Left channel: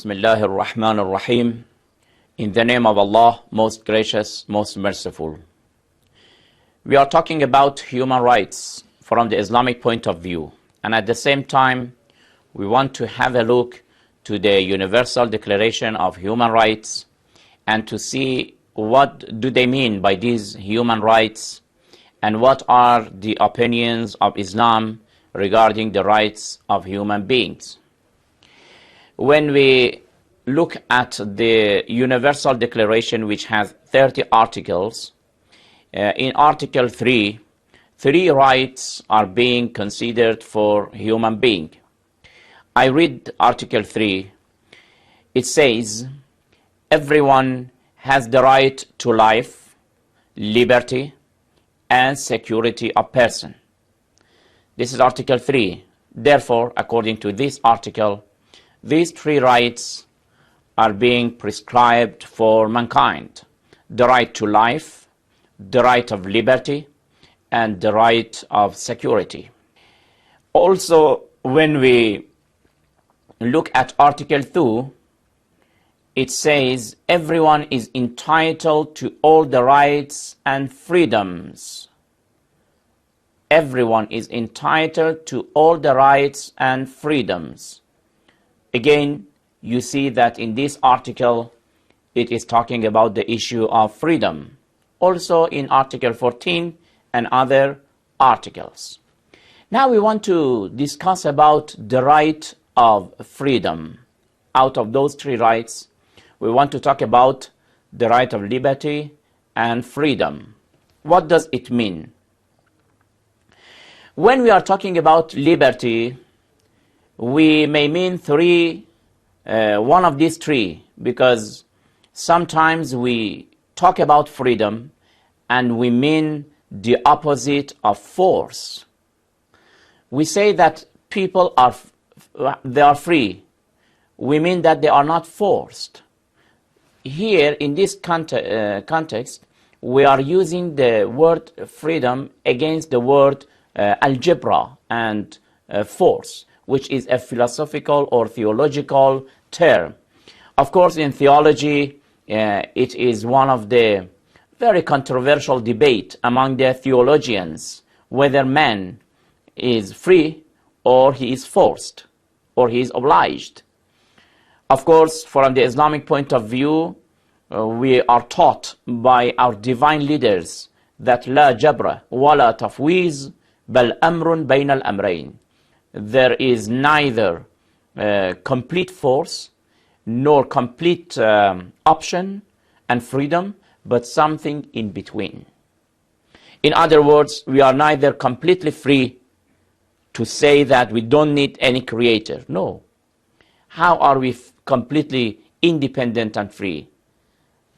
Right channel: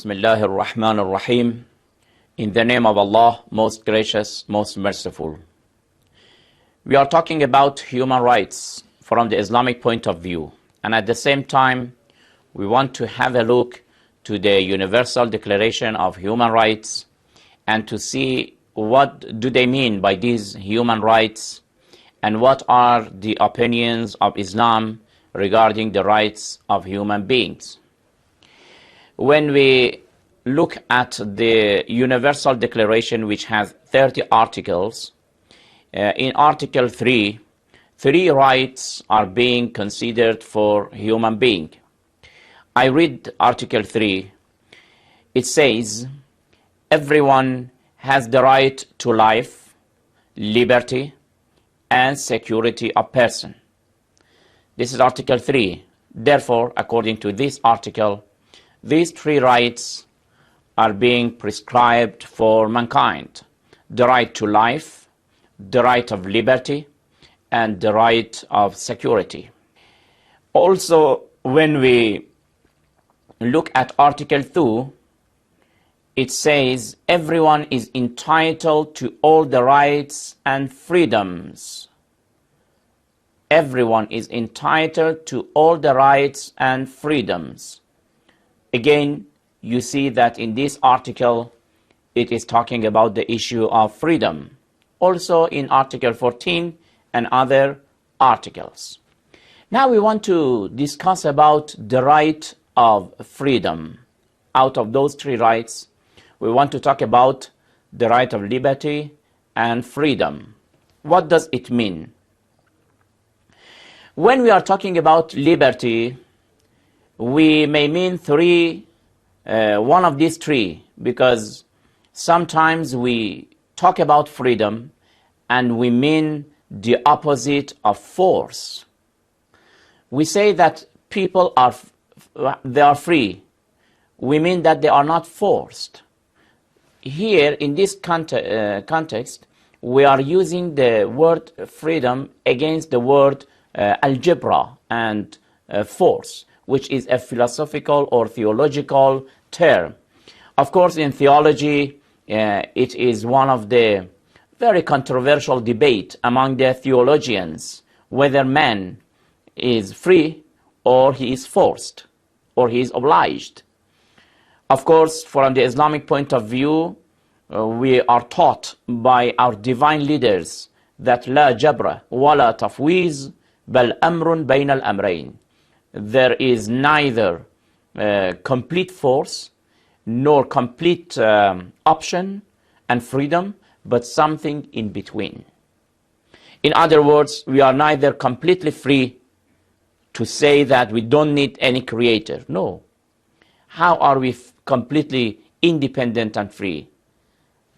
Bismillahir Rahmanir Rahim. In the name of Allah, most gracious, most merciful. We are talking about human rights from the Islamic point of view. And at the same time, we want to have a look to the Universal Declaration of Human Rights and to see what do they mean by these human rights and what are the opinions of Islam regarding the rights of human beings. When we look at the Universal Declaration, which has 30 articles, in Article 3, 3 rights are being considered for human being. I read Article 3. It says, everyone has the right to life, liberty, and security of person. This is Article 3. Therefore, according to this article, these 3 rights are being prescribed for mankind. The right to life, the right of liberty, and the right of security. Also, when we look at Article 2, it says everyone is entitled to all the rights and freedoms. Everyone is entitled to all the rights and freedoms. Again, you see that in this article, it is talking about the issue of freedom. Also in Article 14 and other articles. Now we want to discuss about the right of freedom. Out of those 3 rights, we want to talk about the right of liberty and freedom. What does it mean? When we are talking about liberty, we may mean one of these 3, because sometimes we talk about freedom and we mean the opposite of force. We say that people are free. We mean that they are not forced. Here in this context, we are using the word freedom against the word algebra and force, which is a philosophical or theological term. Of course, in theology, it is one of the very controversial debate among the theologians, whether man is free or he is forced or he is obliged. Of course, from the Islamic point of view, we are taught by our divine leaders that لا جبر ولا تفويض بل أمر بين الأمرين. There is neither complete force nor complete option and freedom, but something in between. In other words, we are neither completely free to say that we don't need any creator. No. How are we completely independent and free?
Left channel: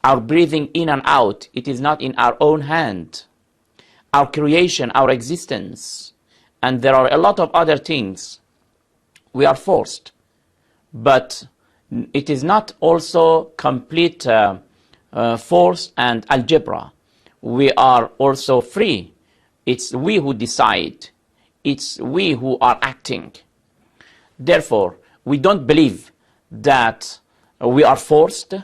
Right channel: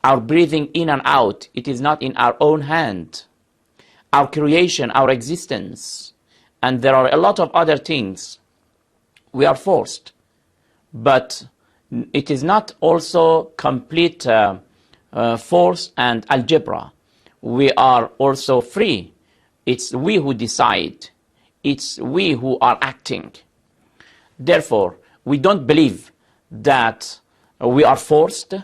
Our breathing in and out, it is not in our own hand. Our creation, our existence, and there are a lot of other things. We are forced. But it is not also complete force and algebra. We are also free. It's we who decide. It's we who are acting. Therefore, we don't believe that we are forced,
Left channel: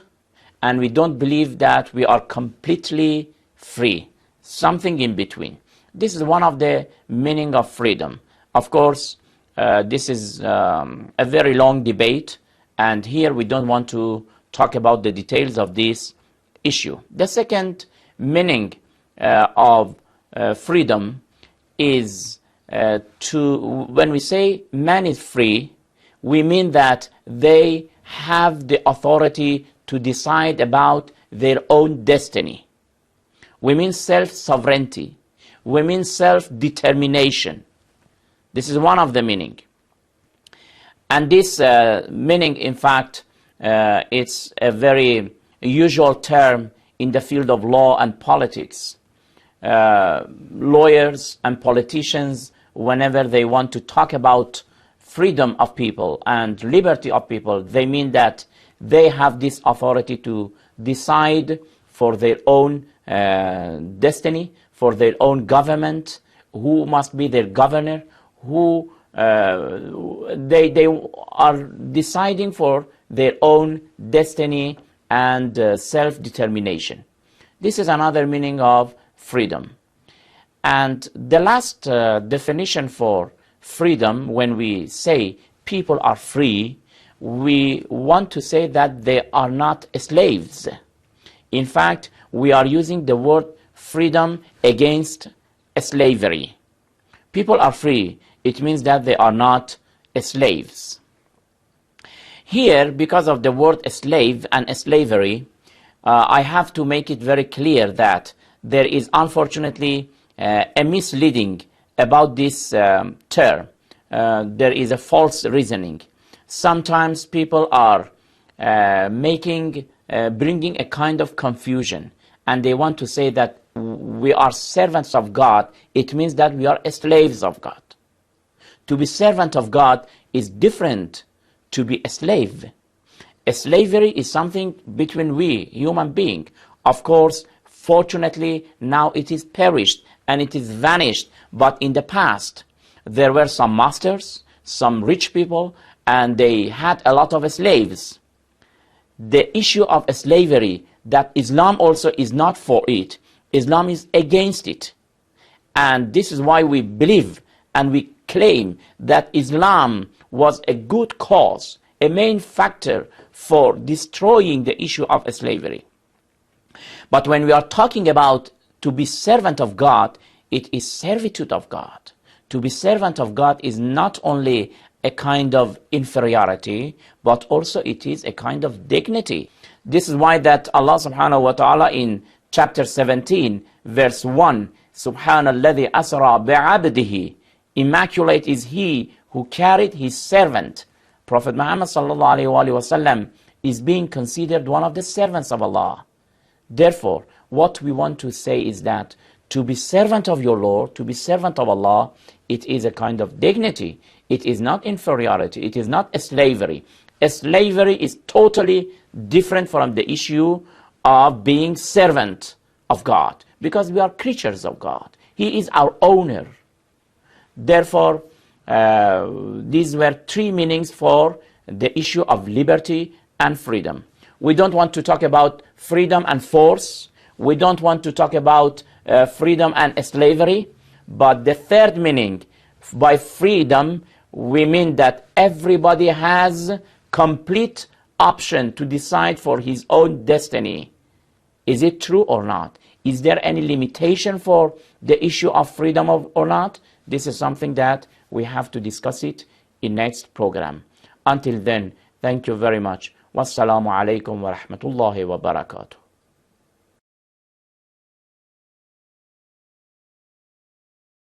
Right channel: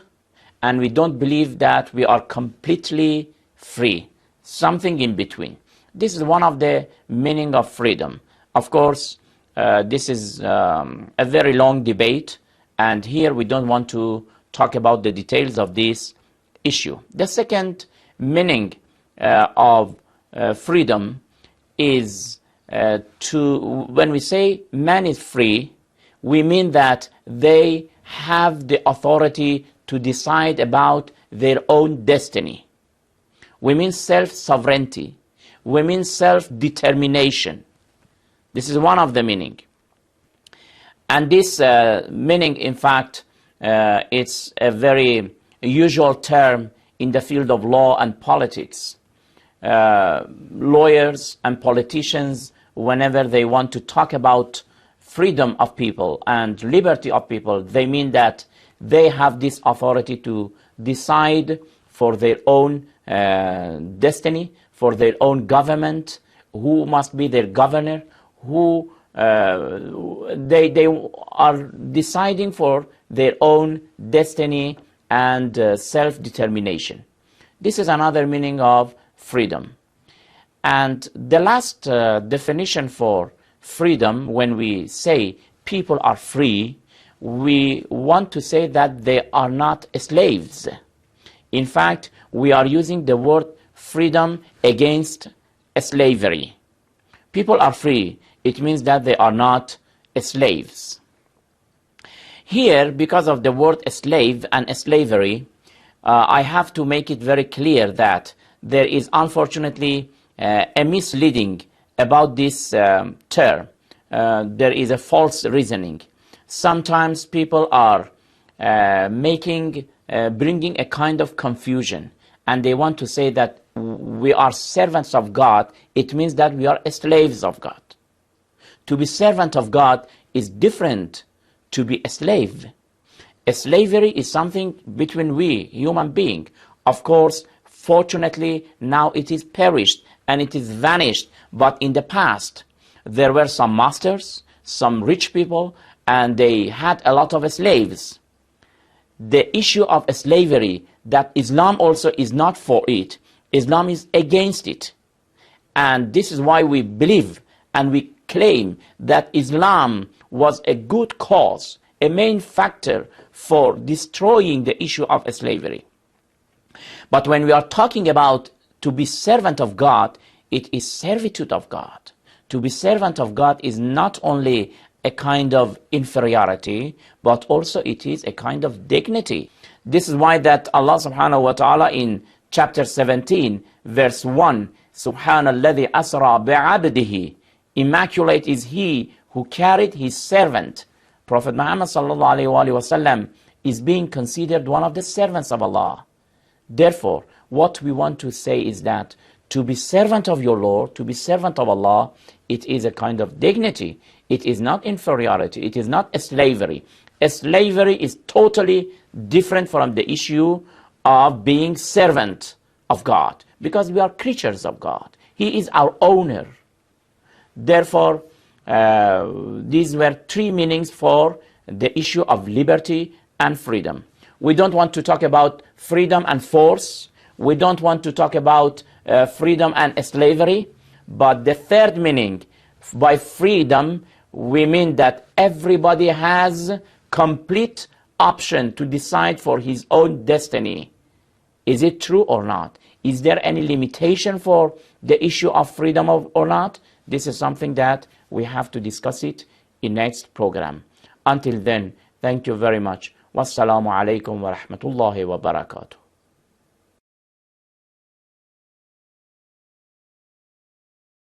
and we don't believe that we are completely free. Something in between. This is one of the meaning of freedom. Of course, this is a very long debate, and here we don't want to talk about the details of this issue. The second meaning of freedom is when we say man is free, we mean that they have the authority to decide about their own destiny. We mean self-sovereignty. We mean self-determination. This is one of the meaning. And this meaning, in fact, it's a very usual term in the field of law and politics. Lawyers and politicians, whenever they want to talk about freedom of people and liberty of people, they mean that they have this authority to decide for their own destiny, for their own government, who must be their governor, who they are deciding for their own destiny and self-determination. This is another meaning of freedom. And the last definition for freedom, when we say people are free, we want to say that they are not slaves. In fact, we are using the word freedom against slavery. People are free. It means that they are not slaves. Here, because of the word slave and slavery, I have to make it very clear that there is unfortunately a misleading about this term. There is a false reasoning. Sometimes people are bringing a kind of confusion, and they want to say that we are servants of God. It means that we are slaves of God. To be servant of God is different to be a slave. Slavery is something between we, human beings. Of course, fortunately, now it is perished and it is vanished. But in the past, there were some masters, some rich people, and they had a lot of slaves. The issue of slavery, that Islam also is not for it. Islam is against it. And this is why we believe and we claim that Islam was a good cause, a main factor for destroying the issue of slavery. But when we are talking about to be servant of God, it is servitude of God. To be servant of God is not only a kind of inferiority, but also it is a kind of dignity. This is why that Allah subhanahu wa ta'ala in chapter 17, verse 1, Subhanalladhi asra bi'abdihi, immaculate is he who carried his servant. Prophet Muhammad sallallahu alayhi wa sallam is being considered one of the servants of Allah. Therefore, what we want to say is that to be servant of your Lord, to be servant of Allah, it is a kind of dignity. It is not inferiority. It is not slavery. Slavery is totally different from the issue of being servant of God, because we are creatures of God. He is our owner. Therefore, these were three meanings for the issue of liberty and freedom. We don't want to talk about freedom and force. We don't want to talk about freedom and slavery. But the third meaning, by freedom, we mean that everybody has complete option to decide for his own destiny. Is it true or not? Is there any limitation for the issue of freedom or not? This is something that we have to discuss it in next program. Until then, thank you very much. Wassalamu alaikum wa rahmatullahi wa barakatuh.